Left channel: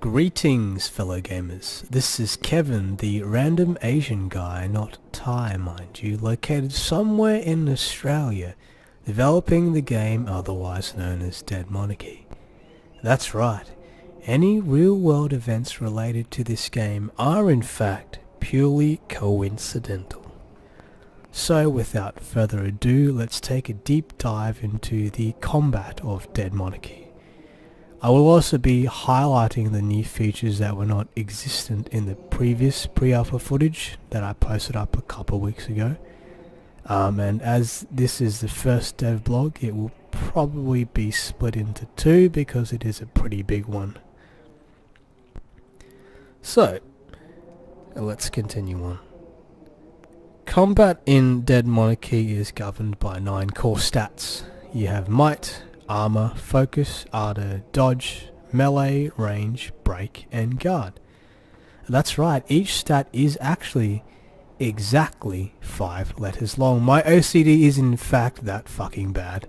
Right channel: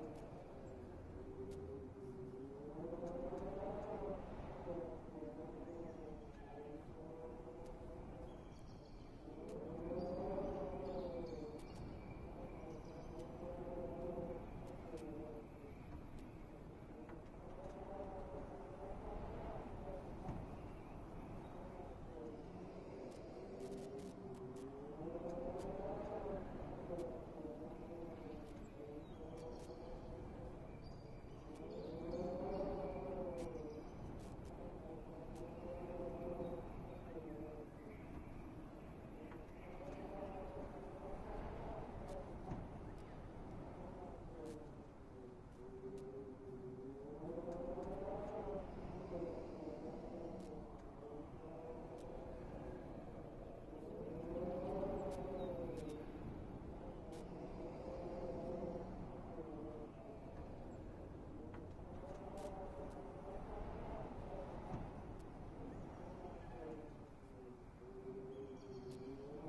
Greetings, fellow gamers. This is Kevin, the random Asian guy, not Thai mind you, located somewhere in Australia, developing the game otherwise known as Dead Monarchy. That's right, any real-world events related to this game are in fact purely coincidental. So without further ado, let's take a deep dive into the combat of Dead Monarchy. I will also be highlighting the new features that were not existent in the previous pre-alpha footage that I posted up a couple weeks ago. And as this is the first dev blog, it will probably be split into two because it is a pretty big one. So, let's continue on. Combat in Dead Monarchy is governed by 9 core stats. You have Might, Armor, Focus, Ardor, Dodge, Melee, Range, Break, and Guard. That's right, each stat is actually exactly 5 letters long. My OCD is in fact that fucking bad.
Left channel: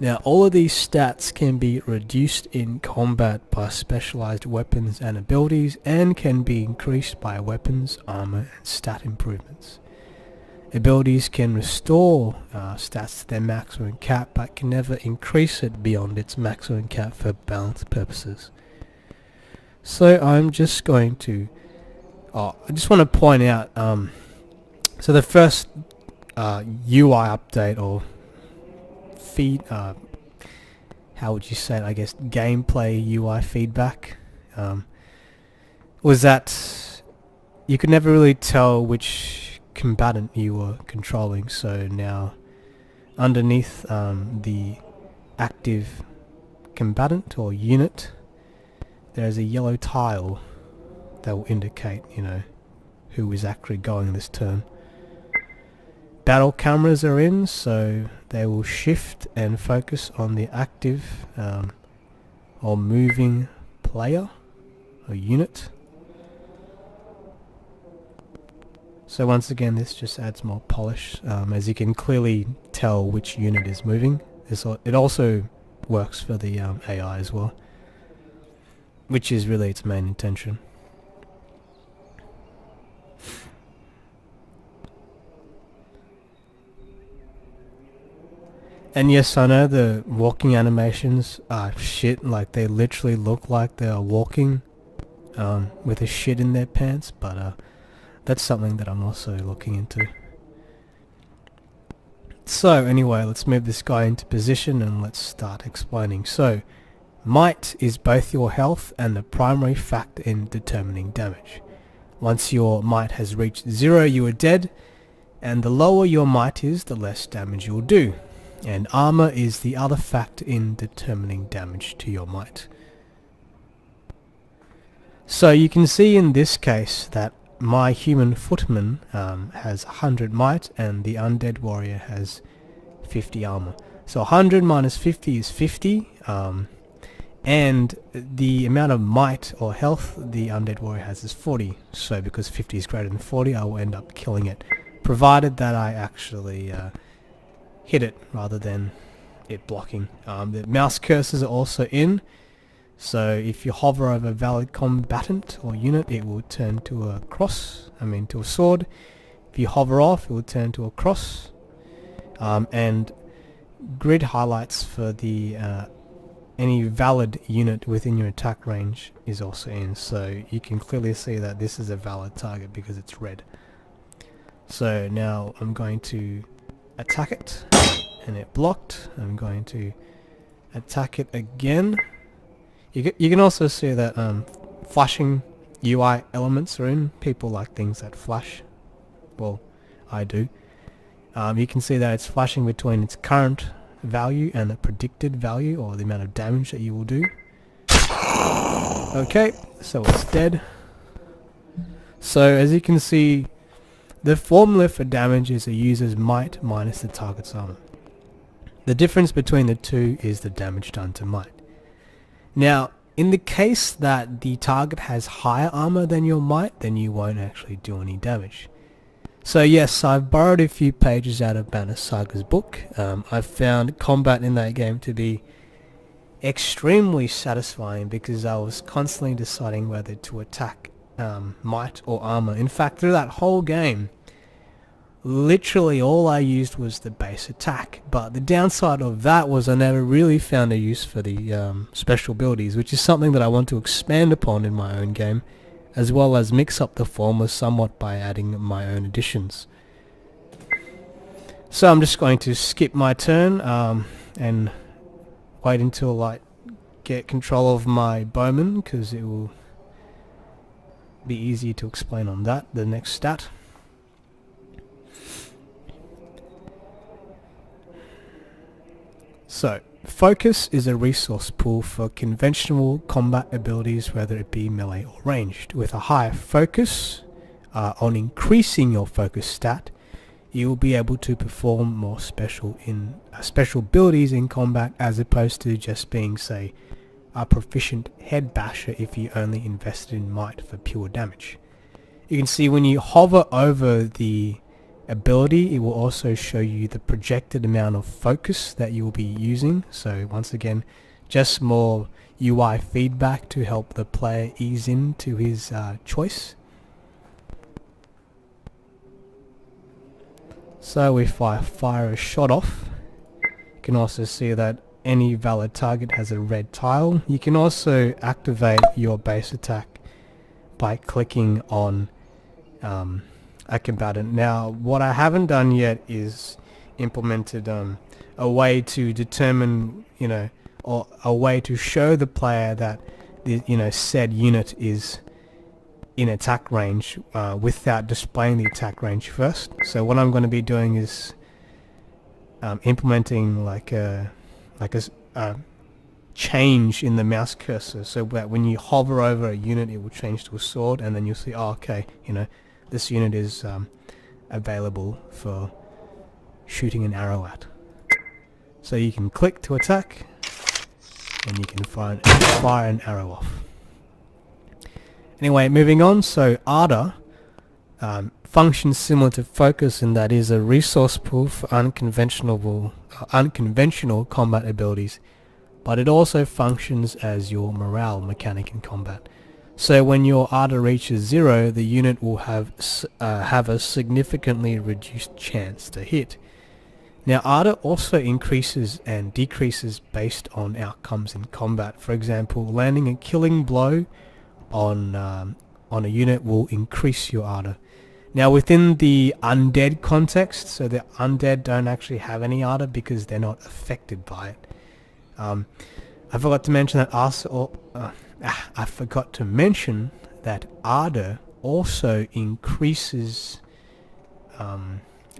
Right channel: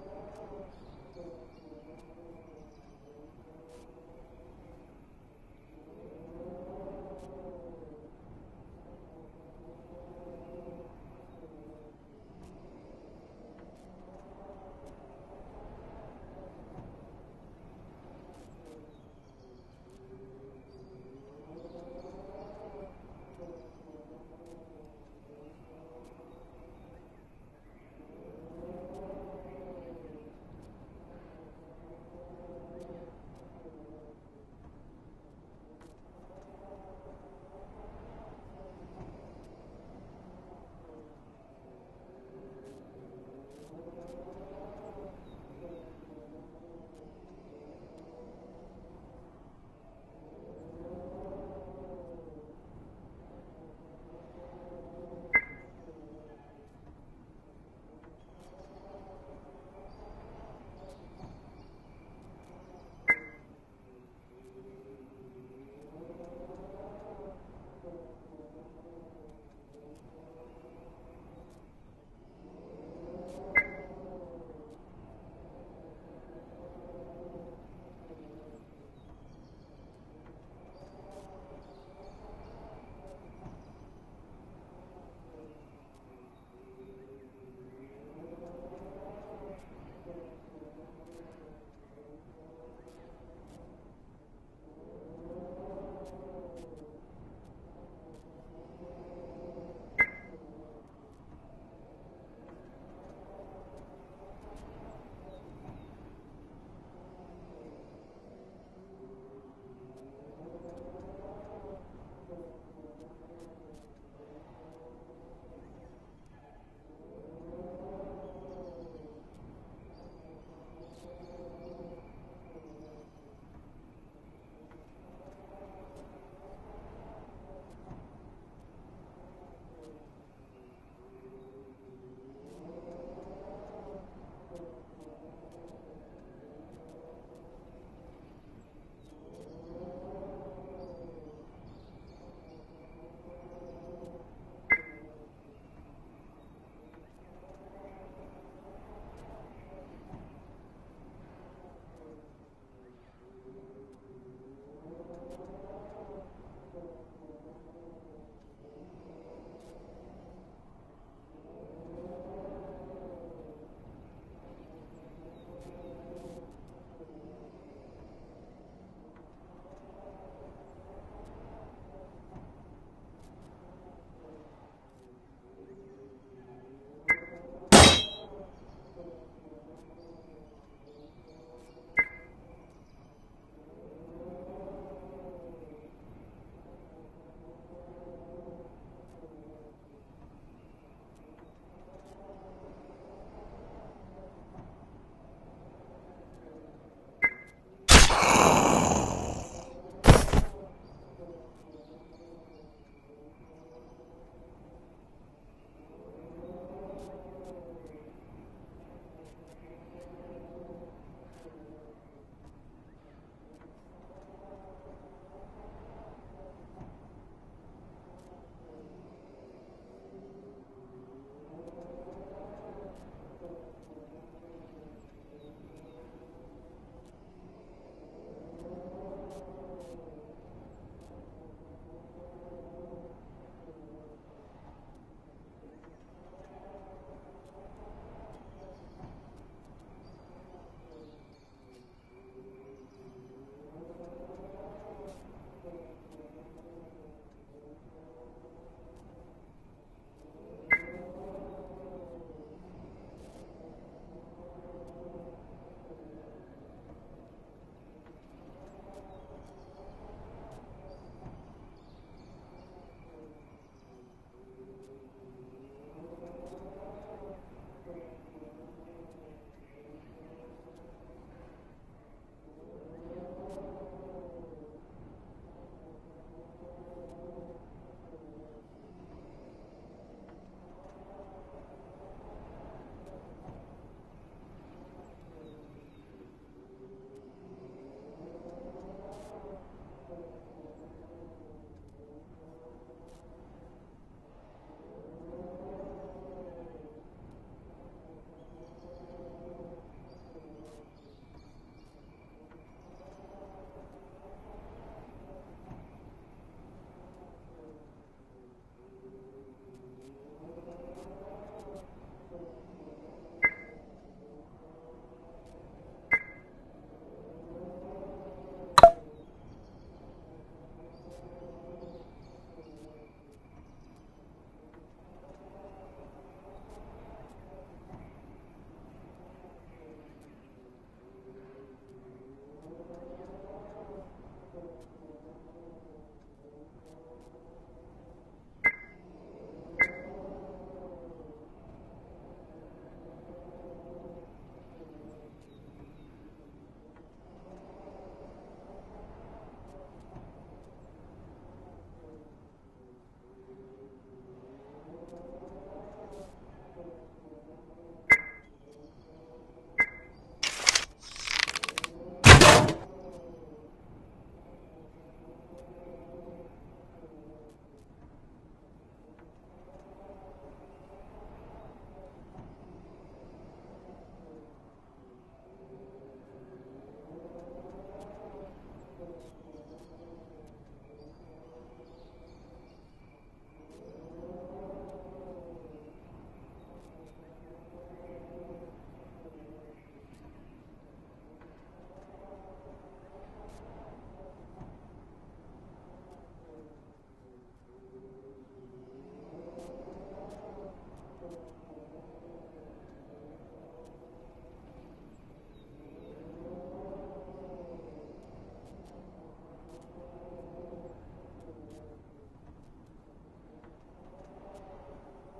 Now all of these stats can be reduced in combat by specialized weapons and abilities and can be increased by weapons, armor, and stat improvements. Abilities can restore stats to their maximum cap, but can never increase it beyond its maximum cap for balance purposes. So I'm just going to... I just want to point out, so the first UI update or feed, how would you say it, I guess, gameplay UI feedback, was that you could never really tell which combatant you were controlling. So now underneath the active combatant or unit, there's a yellow tile that will indicate, who is actually going this turn. Battle cameras are in, so they will shift and focus on the active or moving player or unit. So once again, this just adds more polish, as you can clearly tell which unit is moving. It also works for the AI as well, which is really its main intention. And yes, I know the walking animations are shit, like they literally look like they are walking with a shit in their pants, but that's something that I'm also looking into. So anyway, let's move this guy into position and let's start explaining. So, Might is both your health and the primary factor in determining damage. Once your Might has reached 0, you are dead, and the lower your Might is, the less damage you'll do. And Armor is the other factor in determining damage to your Might. So you can see in this case that my human footman has 100 might and the undead warrior has 50 armor. So 100 minus 50 is 50, and the amount of might or health the undead warrior has is 40. So because 50 is greater than 40, I will end up killing it, provided that I actually hit it rather than it blocking. The mouse cursors are also in. So if you hover over a valid combatant or unit, it will turn to a to a sword. If you hover off, it will turn to a cross. And grid highlights for the any valid unit within your attack range is also in. So you can clearly see that this is a valid target because it's red. So now I'm going to attack it, and it blocked. I'm going to attack it again. You can also see that flashing UI elements are in. People like things that flash. Well, I do. You can see that it's flashing between its current value and the predicted value, or the amount of damage that you will do. Okay, so it's dead. So as you can see, the formula for damage is a user's might minus the target's armor. The difference between the two is the damage done to might. Now, in the case that the target has higher armor than your might, then you won't actually do any damage. So yes, I've borrowed a few pages out of Banner Saga's book. I've found combat in that game to be extremely satisfying because I was constantly deciding whether to attack might or armor. In fact, through that whole game, literally all I used was the base attack, but the downside of that was I never really found a use for the special abilities, which is something that I want to expand upon in my own game, as well as mix up the former somewhat by adding my own additions. So I'm just going to skip my turn and wait until I get control of my bowman, because it will be easier to explain on that, the next stat. So, focus is a resource pool for conventional combat abilities, whether it be melee or ranged. With a higher focus on increasing your focus stat, you will be able to perform more special abilities in combat, as opposed to just being, say, a proficient head basher if you only invested in might for pure damage. You can see when you hover over the ability, it will also show you the projected amount of focus that you will be using. So once again, just more UI feedback to help the player ease into his choice. So if I fire a shot off, you can also see that any valid target has a red tile. You can also activate your base attack by clicking on a combatant. Now, what I haven't done yet is implemented a way to determine, or a way to show the player that the, said unit is in attack range without displaying the attack range first. So what I'm going to be doing is implementing like a change in the mouse cursor, so that when you hover over a unit, it will change to a sword, and then you'll see, oh, okay, this unit is available for shooting an arrow at. So you can click to attack, and you can fire an arrow off. Anyway, moving on. So Ardor functions similar to focus in that it is a resource pool for unconventional combat abilities, but it also functions as your morale mechanic in combat. So when your Ardor reaches 0, the unit will have a significantly reduced chance to hit. Now, Ardor also increases and decreases based on outcomes in combat. For example, landing a killing blow on a unit will increase your Ardor. Now, within the undead context, so the undead don't actually have any Ardor because they're not affected by it. I forgot to mention that Ardor also increases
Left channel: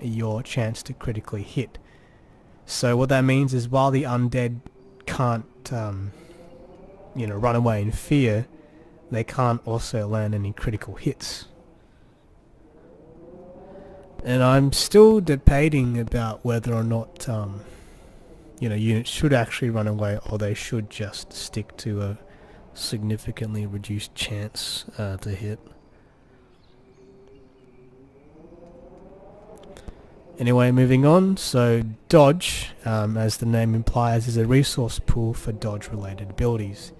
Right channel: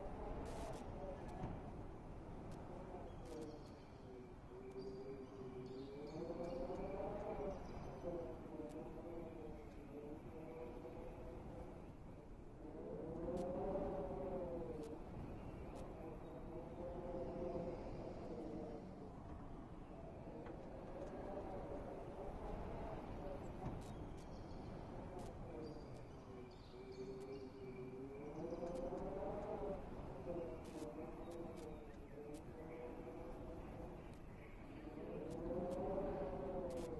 your chance to critically hit. So what that means is, while the undead can't run away in fear, they can't also land any critical hits. And I'm still debating about whether or not units should actually run away, or they should just stick to a significantly reduced chance to hit. Anyway, moving on. So dodge, as the name implies, is a resource pool for dodge related abilities.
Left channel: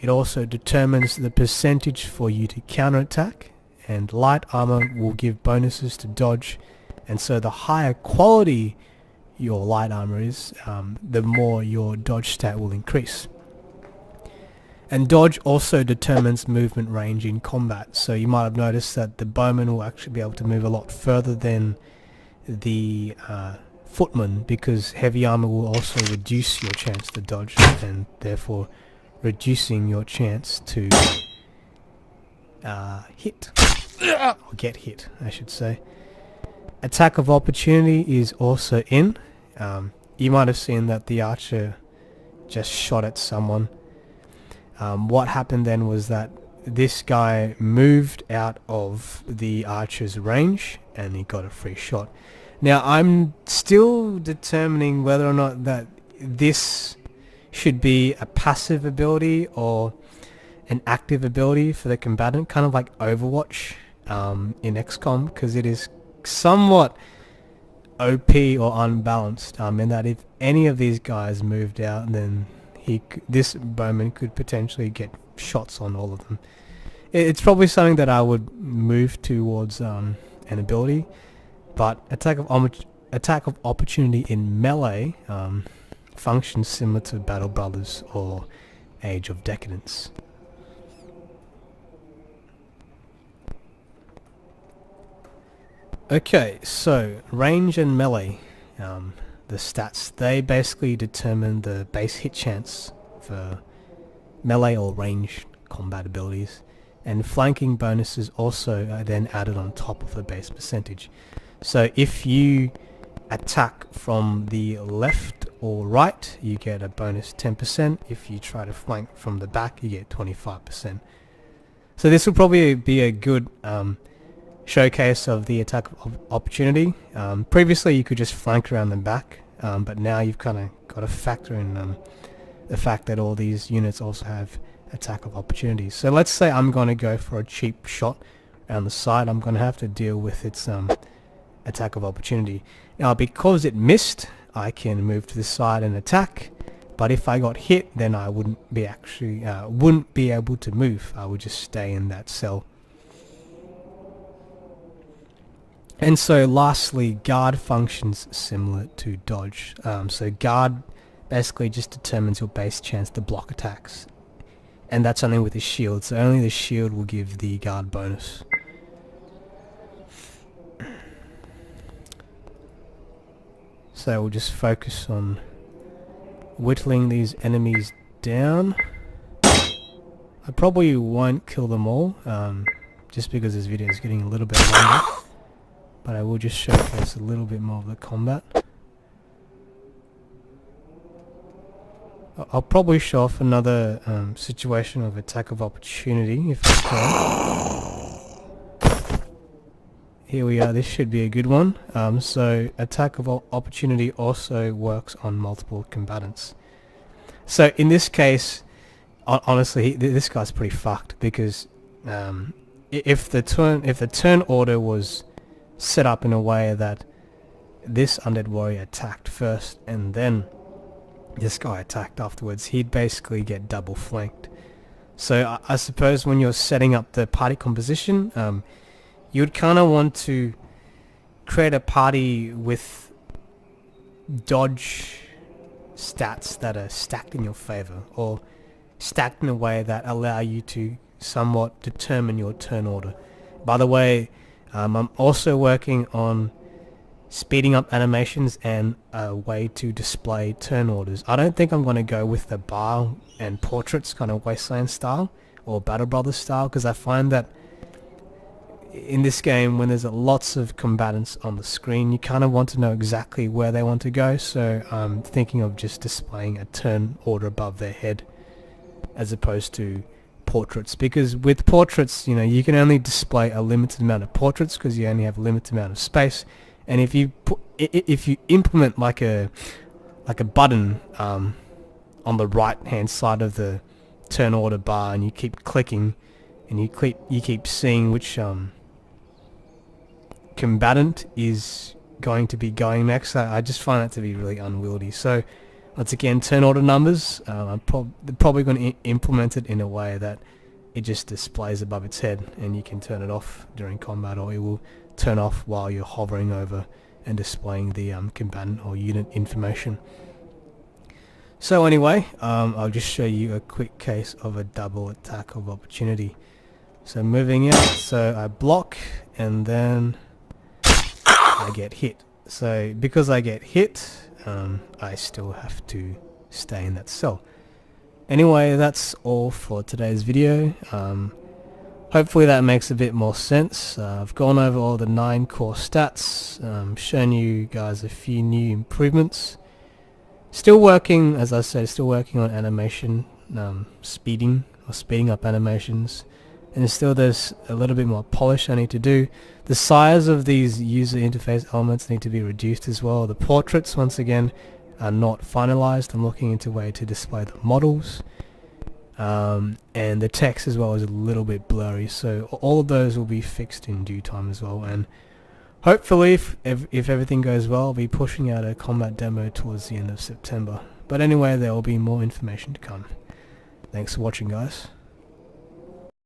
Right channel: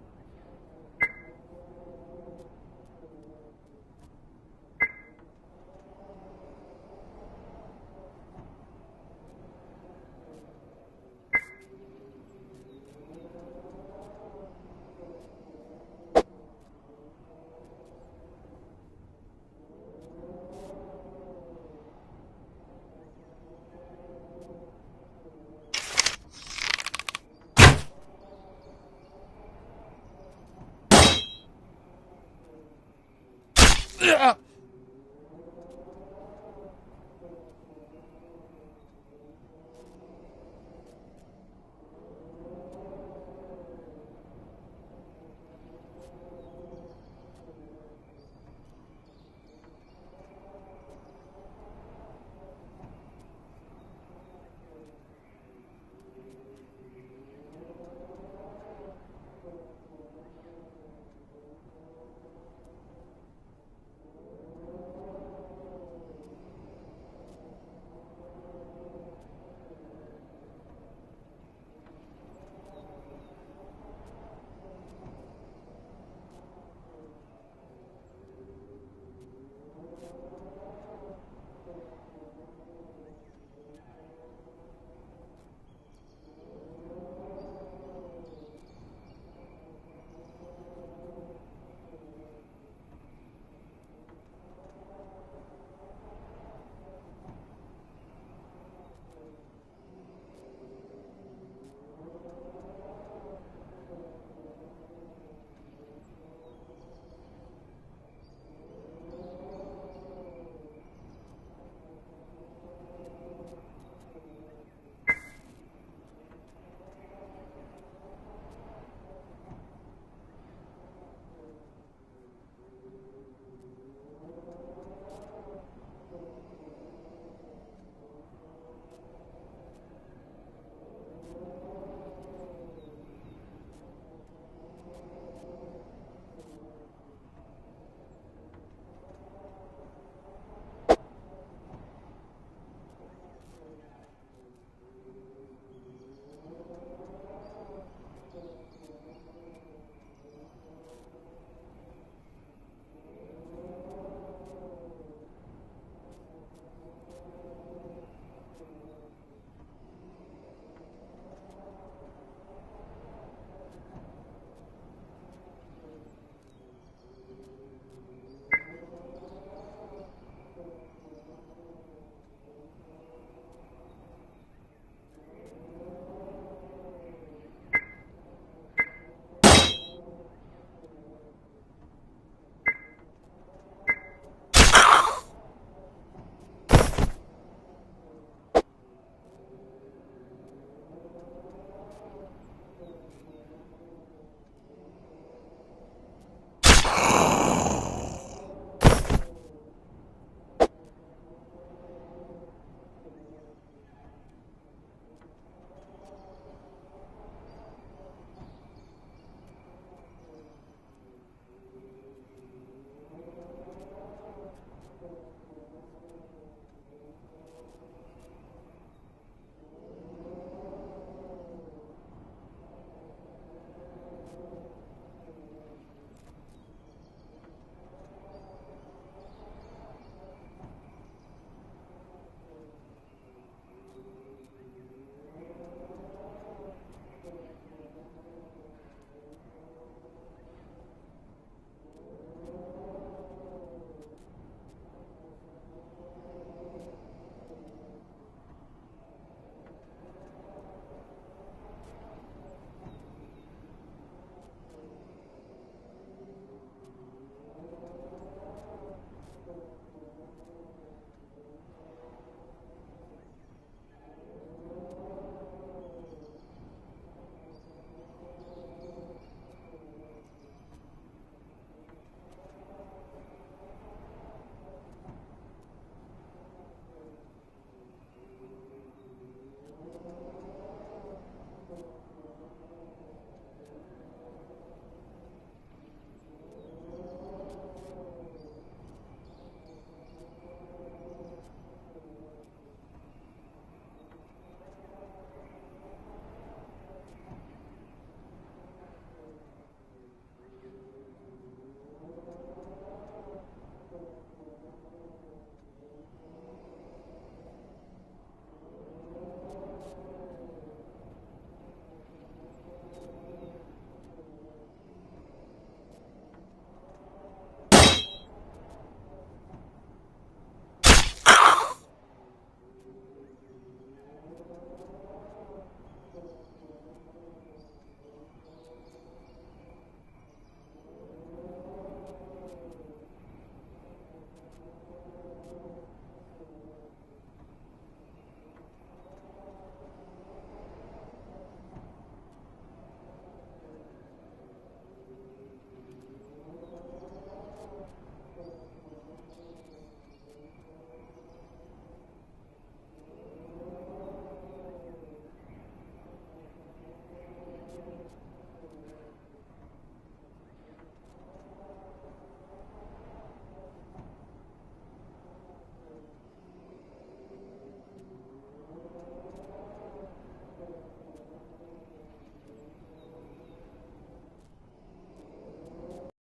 It also determines the percentage for you to counterattack, and light armor will give bonuses to dodge, and so the higher quality your light armor is, the more your dodge stat will increase. And dodge also determines movement range in combat, so you might have noticed that the bowman will actually be able to move a lot further than the footman, because heavy armor will also reduce your chance to dodge, and therefore reducing your chance to hit, or get hit, I should say. Attack of opportunity is also in. You might have seen that the archer just shot at someone. What happened then was that this guy moved out of the archer's range and he got a free shot. Now, I'm still determining whether or not that this should be a passive ability or an active ability for the combatant, kind of like Overwatch in XCOM, because it is somewhat OP or unbalanced, in that if any of these guys moved out, then this bowman could potentially get shots on all of them. It's probably something that I would move towards an ability, but attack of opportunity in melee functions similar to Battle Brothers or Age of Decadence. Okay, so range and melee, the stats, they basically determine the base hit chance for melee or ranged combat abilities, and flanking bonuses also are then added on top of the base percentage. So if you attack from the left or right, you get a bonus 10%. If you try to flank from the back, you get 25%. So this will probably be a good showcase of the attack of opportunity. Previously you could just flank around the back, but now you've kind of got to factor in the fact that all these units also have attack of opportunity. So let's say I'm going to go for a cheap shot around the side. I'm going to have to deal with its attack of opportunity. Now because it missed, I can move to the side and attack, but if I got hit, then I wouldn't be able to move. I would just stay in that cell. And so lastly, guard functions similar to dodge. So guard basically just determines your base chance to block attacks, and that's only with the shield, so only the shield will give the guard bonus. So we'll just focus on whittling these enemies down. I probably won't kill them all, just because this video is getting a little bit longer, but I will just showcase a little bit more of the combat. I'll probably show off another situation of attack of opportunity if I can. Here we are, this should be a good one. So attack of opportunity also works on multiple combatants. So in this case, honestly, this guy's pretty fucked, because if the turn order was set up in a way that this undead warrior attacked first and then this guy attacked afterwards, he'd basically get double flanked. So I suppose when you're setting up the party composition, you'd kind of want to create a party with dodge stats that are stacked in your favor, or stacked in a way that allow you to somewhat determine your turn order. By the way, I'm also working on speeding up animations and a way to display turn orders. I don't think I'm going to go with the bar and portraits kind of Wasteland style or Battle Brothers style, because I find that in this game, when there's lots of combatants on the screen, you kind of want to know exactly where they want to go. So I'm thinking of just displaying a turn order above their head as opposed to portraits, because with portraits, you know, you can only display a limited amount of portraits because you only have a limited amount of space. And if you implement like a button on the right hand side of the turn order bar, and you keep clicking and you keep seeing which combatant is going to be going next, I just find that to be really unwieldy. So once again, turn order numbers, I'm probably going to implement it in a way that it just displays above its head and you can turn it off during combat, or it will turn off while you're hovering over and displaying the combatant or unit information. So anyway, I'll just show you a quick case of a double attack of opportunity. So moving in, so I block and then I get hit. So because I get hit, I still have to stay in that cell. Anyway, that's all for today's video. Hopefully that makes a bit more sense. I've gone over all the 9 core stats, shown you guys a few new improvements. Still working, as I said, still working on animation, speeding up animations, and still there's a little bit more polish I need to do. The size of these user interface elements need to be reduced as well. The portraits, once again, are not finalized. I'm looking into a way to display the models. And the text as well is a little bit blurry, so all of those will be fixed in due time as well. And hopefully, if everything goes well, I'll be pushing out a combat demo towards the end of September. But anyway, there will be more information to come. Thanks for watching, guys.